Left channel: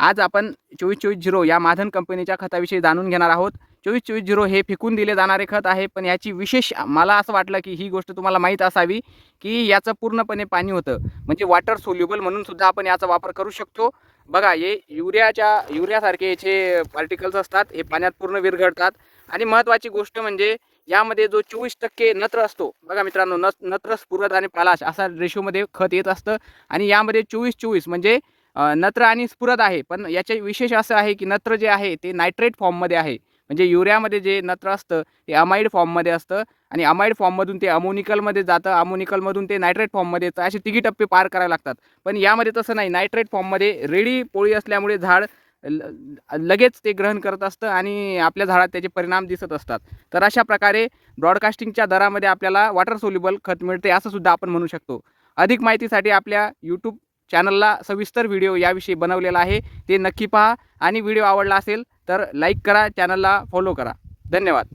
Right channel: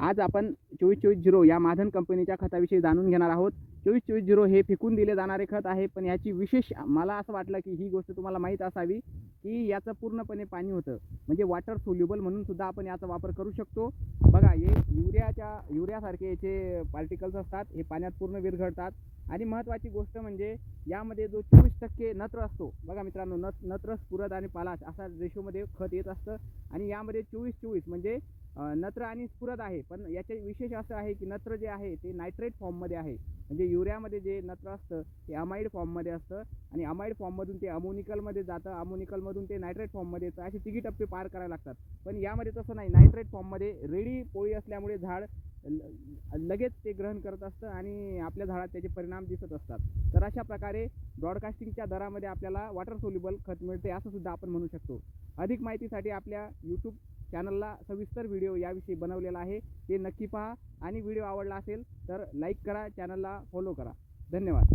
आज आपण 24-24-0 या माधन कंपनीच्या खताविषयी जाणून घेणार आहोत. 24-24-0 हे फेकून दिले जाणारे खत आहे, पण याची विशेष मला असं वाटलं की ही गोष्ट तुम्हाला माहीत असावी की याचं पूर्णपणे पाणी होतं, म्हणजे वॉटर सोल्युबल म्हणून सुद्धा आपण याचा वापर करू शकतो. बघा, हे युरियासारखे याचे पार्टिकल्स असतात, हे पाण्यात पूर्ण विरघळतात. आणि महत्त्वाची गोष्ट म्हणजे यामध्ये जो 24% नत्र असतो, बघा मित्रांनो, नत्र, स्फुरद आणि पालाश असा रेशोमध्ये खत येत असतं. आणि यामध्ये 24-24 म्हणजे नत्र आणि स्फुरद आहे. पण याचे विशेष असं आहे की नत्र जे आहे ते नायट्रेट फॉर्ममध्ये आहे. म्हणजे युरियामध्ये जे नत्र असतं ते अमाइड फॉर्ममध्ये असतं आणि अमाइड फॉर्ममधून ते अमोनिकलमध्ये जातं, अमोनिकलमधून ते नायट्रेट फॉर्ममध्ये येतं. असे तिघी टप्पे पार करावे लागतात. पण यामध्ये तसं नाही. नायट्रेट फॉर्ममध्ये रेडी पोळी असल्यामुळे झाड लगेच ते ग्रहण करत असतं आणि आपल्या झाडात त्याचे परिणाम दिसत असतात. तर अशा प्रकारे ब्रॉडकास्टिंगच्या दरामध्ये आपल्याला वॉटर सोल्युबल खत मिळते, असं सुद्धा आपण म्हणू शकतो. अधिक माहितीसाठी आपल्या यूट्यूब चॅनलला सविस्तर व्हिडिओ याविषयी बनवलेला आहे, ते नक्की पहा. आणि व्हिडिओ आवडला असेल तर लाईक करा, चॅनलला फॉलो करा. धन्यवाद.